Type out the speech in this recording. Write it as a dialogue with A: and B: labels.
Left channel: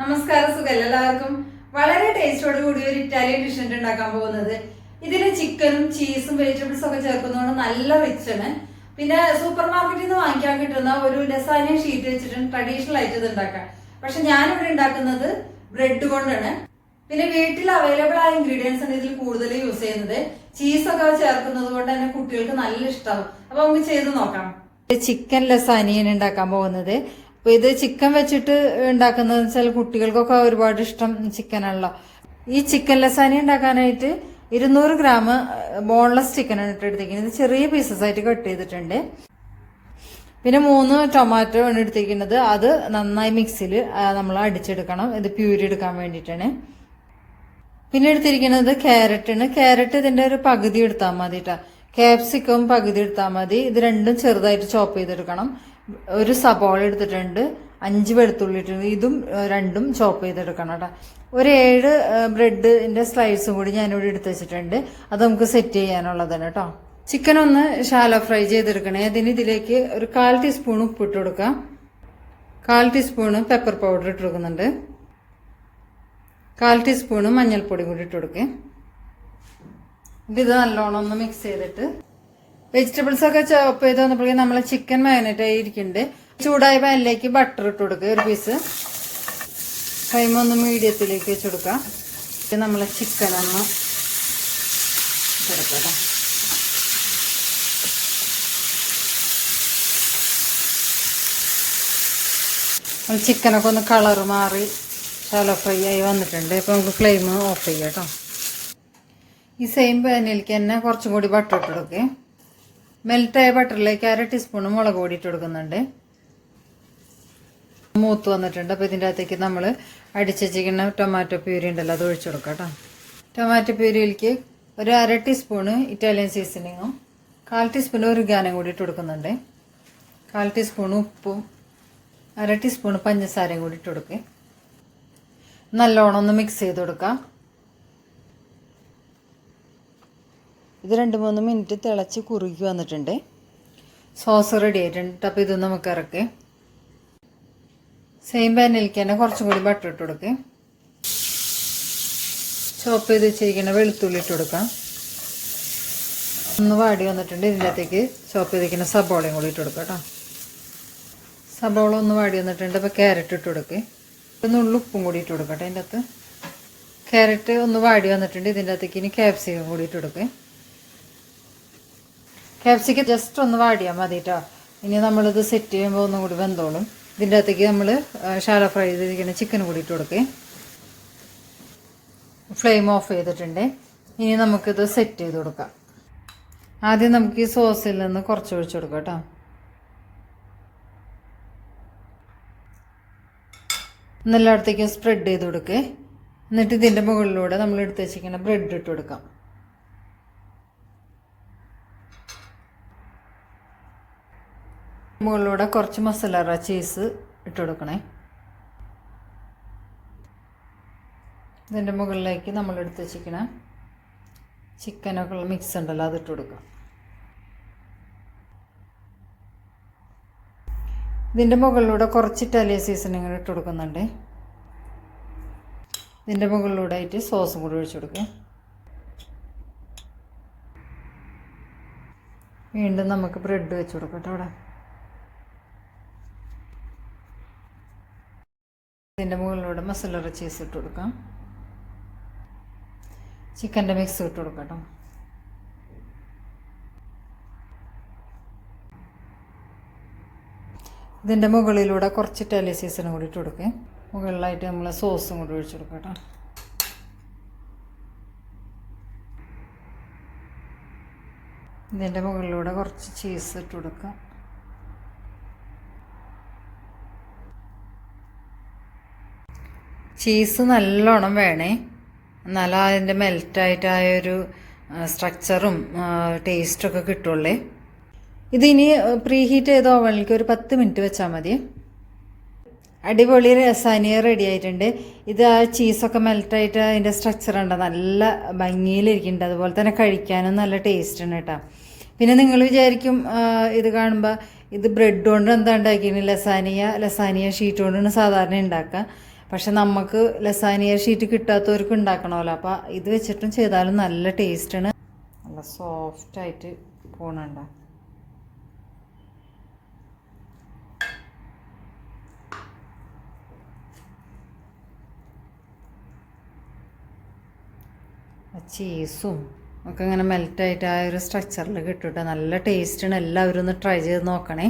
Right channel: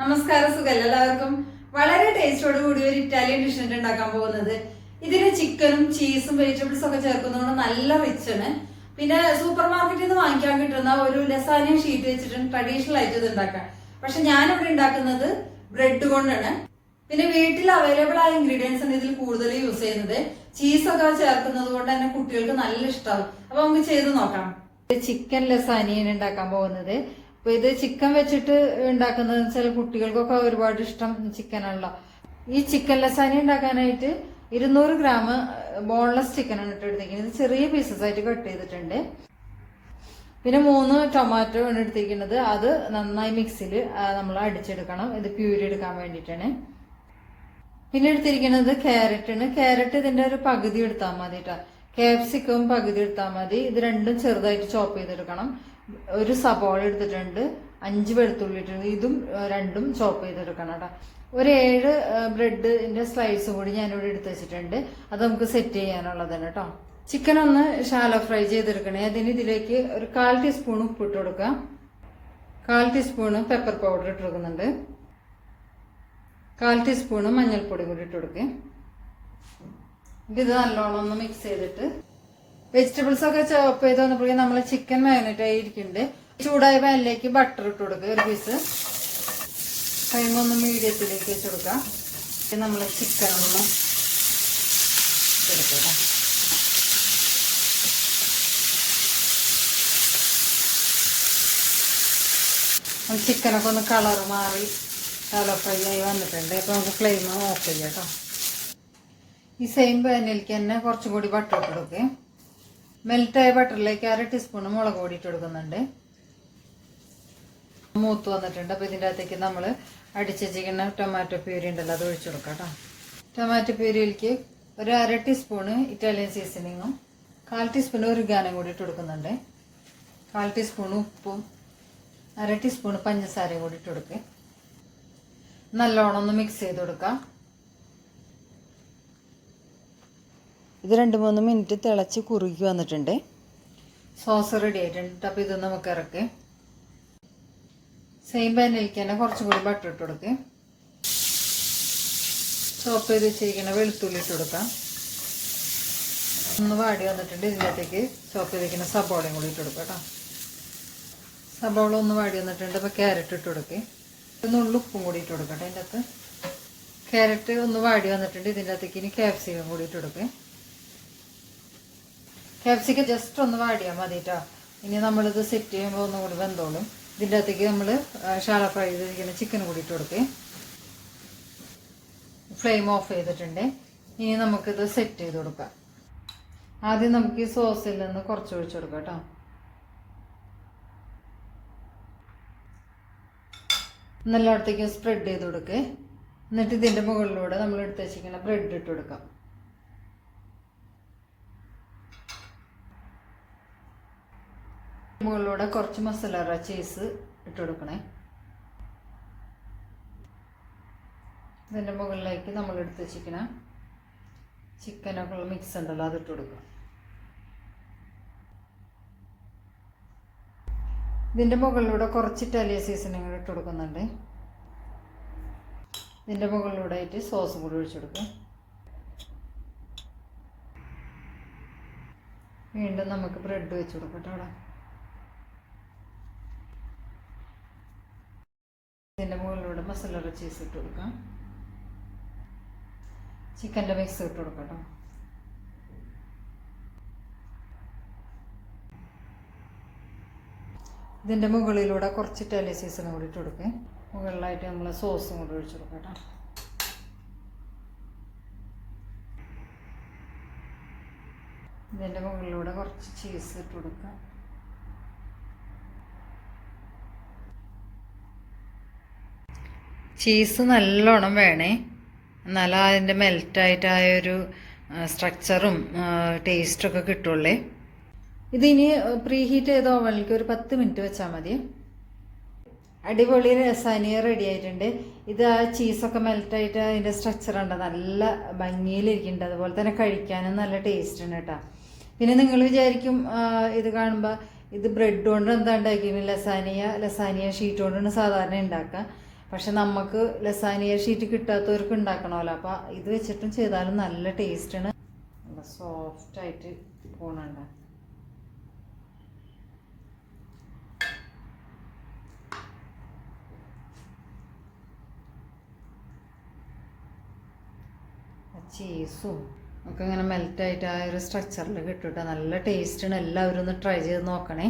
A: നമസ്കാരം സുഖല്ല എല്ലാവർക്കും. വളരെ ടേസ്റ്റോട് കൂടി ഒരു ഇറ്റാലിയൻ ഡിഷ് ഉണ്ടാക്കാൻ പോകുന്നത്. ഇതിൽ ചിക്കനും ചീസും വെജിറ്റബിൾസും ഒക്കെ ചേർക്കുന്നതുകൊണ്ട് നല്ല റിച്ച് പിന്നെ സൂപ്പർ മാർക്കറ്റിൽ നിന്ന് വാങ്ങിക്കാൻ കിട്ടുന്ന ഒരു ലസാനിയ ഷീറ്റ് വെച്ചിട്ട് ട്രഡീഷണൽ ആയിട്ട് ഇത് ഉണ്ടാക്കാം പക്ഷെ ഞാനിവിടെ ഉണ്ടാക്കുന്നത് ബ്രെഡ് കൊണ്ടാണ്. പിന്നെ വീട്ടിൽ അവൈലബിൾ ആയ ഇൻഗ്രീഡിയൻസ് ആണ് ഇതിൽ കൂടുതൽ യൂസ് ചെയ്യുന്നത്. ചീസൊക്കെ ചേർക്കുന്നത് കൊണ്ട് തന്നെ കുട്ടികൾക്ക് നല്ല ഇഷ്ടമാവും അപ്പൊ നമുക്ക് ചെയ്ത് നോക്കാം. ചിക്കൻ ലസാനിയാണ് ഉണ്ടാക്കാൻ പോകുന്നത്. അപ്പൊ ഇത് ചിക്കൻ വെച്ചിട്ട് ഉണ്ടാക്കുന്നത് വെച്ചാൽ കുട്ടികൾക്കൊക്കെ ഒരുപാട് ഇഷ്ടം ചിക്കനാണല്ലോ ഈ ചിക്കൻ ലസാനി ഉണ്ടാക്കാനായിട്ട് ഇരുന്നൂറ് ഗ്രാം ബോൺലെസ് ചിക്കൻ ഇട്ട് ഇത് ചെറിയ പീസസ് ആയിട്ട് കട്ട് ചെയ്തിട്ടുണ്ട്. പിന്നെ മൂന്ന് ടൊമാറ്റോ ആണ് എടുത്തിരിക്കുന്നത്. അത് നന്നായി മിക്സിയിൽ നമ്മൾ അടിച്ചെടുക്കണം. ഇത് പ്യൂരി എടുക്കാൻ വേണ്ടിയിട്ടാണ്. പിന്നെ എടുത്തിരിക്കുന്നത് ക്യാരറ്റാണ് ക്യാരറ്റ് ഇതിന്റെ ഒരു പകുതി എടുത്താൽ മതി കേട്ടോ ക്യാപ്സിക്കം പകുതി എടുത്താൽ മതി. ഇത് രണ്ടും ചെറുതായിട്ട് ചോപ്പ് ചെയ്തെടുക്കണം. ഒരു സബോള എടുത്തിട്ടുണ്ട് അഞ്ച് വെളുത്തുള്ളി ഇട്ടിട്ടുണ്ട്. ഇതും രണ്ടും ചോപ്പ് ചെയ്തെടുക്കണം കേട്ടോ ഒരു ഏഴ് ബ്രെഡിന്റെ സ്ലൈസും കൂടി ഞാനിവിടെ എടുത്ത് വെച്ചിട്ടുണ്ട്. അത് നമുക്ക് സെറ്റ് ചെയ്യാനുള്ളതാണ് കേട്ടോ ചിക്കൻ ഒന്ന് ഷാലോ ഫ്രൈ ചെയ്തെടുക്കണേ. അതിന് ഇതിലേക്ക് ഒരു കാൽ ടീസ്പൂൺ ഉപ്പിട്ട് കൊടുക്കാം. കാൽ ടീസ്പൂണ് പെപ്പർ പൗഡർ ഇട്ട് കൊടുക്കുന്നുണ്ട്. കാൽ ടീസ്പൂണ് മഞ്ഞൾപ്പൊടി കൂടി ഇട്ട് കൊടുക്കേ. ഇത് നല്ലോണം ഒന്ന് മിക്സ് ചെയ്തിട്ട് വെജിറ്റബിൾസ് ഒക്കെ ചോപ്പ് ചെയ്ത് വന്നപ്പോഴേക്കും നമ്മൾ ചിക്കൻ മാരിനേറ്റ് ആയിരിക്കുന്നുണ്ട് ചൂടായ പാനിലേക്ക് ബട്ടർ ഇട്ട് കൊടുക്കുക ഒരു പീസ് കൈമൊന്ന് മീഡിയത്തിലേക്ക് വെച്ച് കൊടുക്കാം. നമ്മളെ ചിക്കൻ ഒന്ന് കൊടുക്കാം. ചിക്കനൊക്കെ ഒന്ന് കളർ മാറി ഷാലോ ഫ്രൈ ആയി വന്നിട്ടുണ്ട്. അപ്പോൾ നമുക്ക് ഫ്ലെയിം ഓഫ് ചെയ്യാം കേട്ടോ ഈ സെയിം പാനിലേക്ക് തന്നെ കുറച്ചും കൂടി ബട്ടർ ഇട്ട് കൊടുക്കേ. മെൽറ്റായ ബട്ടറിലേക്ക് അര ടീസ്പൂൺ മുളക് പൊടി ഇട്ട് കൊടുക്കുന്നുണ്ട്. മൂത്ത് വന്നിട്ടുണ്ട്. അപ്പോൾ ഇതിന്റെ അകത്തേക്ക് നമ്മൾ അടിച്ചിരിക്കുന്ന ടൊമാറ്റോ പ്യൂരി ഉണ്ടല്ലോ അത് ഒഴിച്ചു കൊടുക്കാം കേട്ടോ. ടൊമാറ്റോ പ്യൂരിയിലേക്ക് ഒരു അര ടീസ്പൂണ് ഇറ്റാലിയൻ സീസണിങ്ങും കാൽ ടീസ്പൂൺ ഒരു ഗാനം കൂടി ഇട്ട് കൊടുക്കുന്നുണ്ട്. കാൽ ടീസ്പൂൺ ഉപ്പും അര ടീസ്പൂൺ പഞ്ചസാരയും കൂടി ഇട്ട് കൊടുക്കേ. നല്ലോണം ഒന്ന് മിക്സ് ചെയ്ത് കൊടുക്കാം. ഇത് രണ്ട് മൂന്ന് മിനിറ്റ് തിളച്ച് കുറുകി വന്നിട്ടുണ്ട്. സോസ് റെഡി ആയിട്ടുണ്ട്. അപ്പോൾ ഇത് നമുക്ക് ഇറക്കി. സെയിം പാനിലേക്ക് തന്നെ കുറച്ചും കൂടി ബട്ടർ ഇട്ട് കൊടുക്കേ. ചോപ്പ് ചെയ്ത് വെച്ചിരിക്കുന്ന വെളുത്തുള്ളി ഇട്ട് കൊടുക്കാം. ഒന്ന് വാടി വന്നിട്ടുണ്ട് ഇതിന്റെ അകത്തേക്ക് ചോപ്പ് ചെയ്തിരിക്കുന്ന സബോളയും കൂടി ഇട്ട് കൊടുക്കാം കേട്ടോ സബോള ഒന്ന് വാടി വന്നിട്ടുണ്ട്. അപ്പോൾ ക്യാരറ്റ് ഇട്ട് കൊടുക്കേ. ഒന്ന് ഉപ്പും കൂടി ഇട്ട് കൊടുക്കട്ടെ അതിന്റെ അകത്ത്. ക്യാരറ്റ് ഒന്ന് വാടി വന്നിട്ടുണ്ട്. ഇതിന്റെ അകത്തേക്ക് ഇനി ക്യാപ്സിക്കം കൂടി ഇട്ട് കൊടുക്കേ. ക്യാപ്സിക്കം ജസ്റ്റ് ഒന്ന് വാടിയാൽ മതി കേട്ടോ ഇനി നമ്മളിത് സെറ്റ് ചെയ്യുമ്പോൾ ഒന്നും കൂടി വെന്തോളും. ഇതിന്റെ അകത്തേക്ക് നമ്മൾ ഷാല ഫ്രൈ ചെയ്തിരിക്കുന്ന ചിക്കൻ കൂടി ഇട്ട് കൊടുക്കേ. ഫ്ലെയിം ഓഫ് ചെയ്തിട്ടുണ്ട്. ഇനി നമുക്കിത് സെറ്റ് ചെയ്ത് കൊടുക്കാം. ആദ്യം നമുക്ക് ഈ സോസിൽ നിന്ന് കുറച്ച് ഒഴിച്ചു കൊടുക്കാം കേട്ടോ എന്നെല്ലായിടത്തേക്കും സ്പ്രെഡ് ചെയ്ത് കൊടുക്കേ. എന്നിട്ട് ഇതിന്റെ മുകളിലൂടെ നമ്മൾ എടുത്ത് വെച്ചിരിക്കുന്ന ബ്രെഡ് ഇട്ട് കൊടുക്കാം. മുകളിലൂടെ കുറച്ച് മസാല ചീസ് ഇട്ട് കൊടുക്കണേ. ഇതിന്റെ മുകളിലേക്ക് നമ്മൾ എടുത്ത് വെച്ചിരിക്കുന്ന ചിക്കനൊക്കെ മിക്സ് ഉണ്ടല്ലോ അത് ഇട്ട് കൊടുക്കാം ഇതിന്റെ മുകളിലൂടെ കുറച്ച് ഇറ്റാലിയൻ സീസണിങ് ഇട്ട് കൊടുക്കുന്നുണ്ട്. ഇതിന്റെ മുകളിലൂടെ ആയിട്ട് സോസും കൂടി ഒഴിച്ചു കൊടുക്കും വീണ്ടും നമുക്ക് ബ്രെഡ് വെച്ച് കൊടുക്കട്ടെ അവിടെ. ഇതിന്റെ മുകളിലൂടെ മസാല ചീസ് ഇട്ട് കൊടുക്കാം. ചിക്കന്റെ മിക്സ് ഇട്ട് കൊടുക്കട്ടോ. കേട്ടോ ഇതിന്റെ മുകളിലൂടെ കുറച്ച് ടെലി സീസണും കൂടി ഇട്ട് കൊടുക്കുക മുകളിലായിട്ട് നമ്മൾ സോസും കൂടി ഒഴിച്ചു കൊടുക്കട്ടോ. ഇതിന്റെ മുകളിലൂടെ കുറച്ച് ചീസ് ഇട്ട് കൊടുക്കാം. ചീസ് നല്ലോണം വേണേ. എന്നാലും അതിന്റെ മെൽറ്റായിട്ടായ ഒരു സ്ട്രക്ചറും ടേസ്റ്റൊക്കെ കിട്ടുള്ളേ. ഇതിനി പ്രീ ഹീറ്റ് ചെയ്ത ഓവനിലേക്ക് ഒരു പത്ത് മിനിറ്റ് വെച്ചാൽ മതി. അടിപൊളി രസാനിയ റെഡി ആയിട്ടുണ്ട് ഇത് ആ ചീസൊക്കെ മെൽറ്റായിട്ട് അതിന്റെ സ്ട്രക്ചർ ഉണ്ട് നല്ല ഭംഗിയിലിരിക്കുന്നുണ്ട്. അതുപോലെ തന്നെ കഴിക്കാനും നല്ല ടേസ്റ്റ് ഉണ്ട് കേട്ടോ. പിന്നെ നിങ്ങൾ വിചാരിക്കും ഇത് കാണുമ്പോൾ ഇത് ബ്രെഡ് കൊണ്ട് എന്താ ഉണ്ടാക്കിയിരുന്നു ലസാനിയ ലസാനിയ ഷീറ്റ് കൊണ്ടാണ് സാധാരണ ഉണ്ടാക്കുക. പക്ഷെ നമുക്ക് ലസാനിയ ഷീറ്റ് കിട്ടാത്തവർക്ക് ഉണ്ടാക്കണമല്ലോ. അപ്പം ഇത് വെച്ചിട്ടും ചെയ്താലും നല്ല ടേസ്റ്റാണ് നല്ല സോഫ്റ്റ് ആയിട്ട് പോണുണ്ട്. ചീസും ഒക്കെ ഇങ്ങനെ മെൽറ്റായിട്ട് ആ ഒരു സ്ട്രക്ചറിൽ കിട്ടും നല്ല ടേസ്റ്റാണ് എല്ലാവരും ഒന്ന് ട്രൈ ചെയ്ത് നോക്കണേ.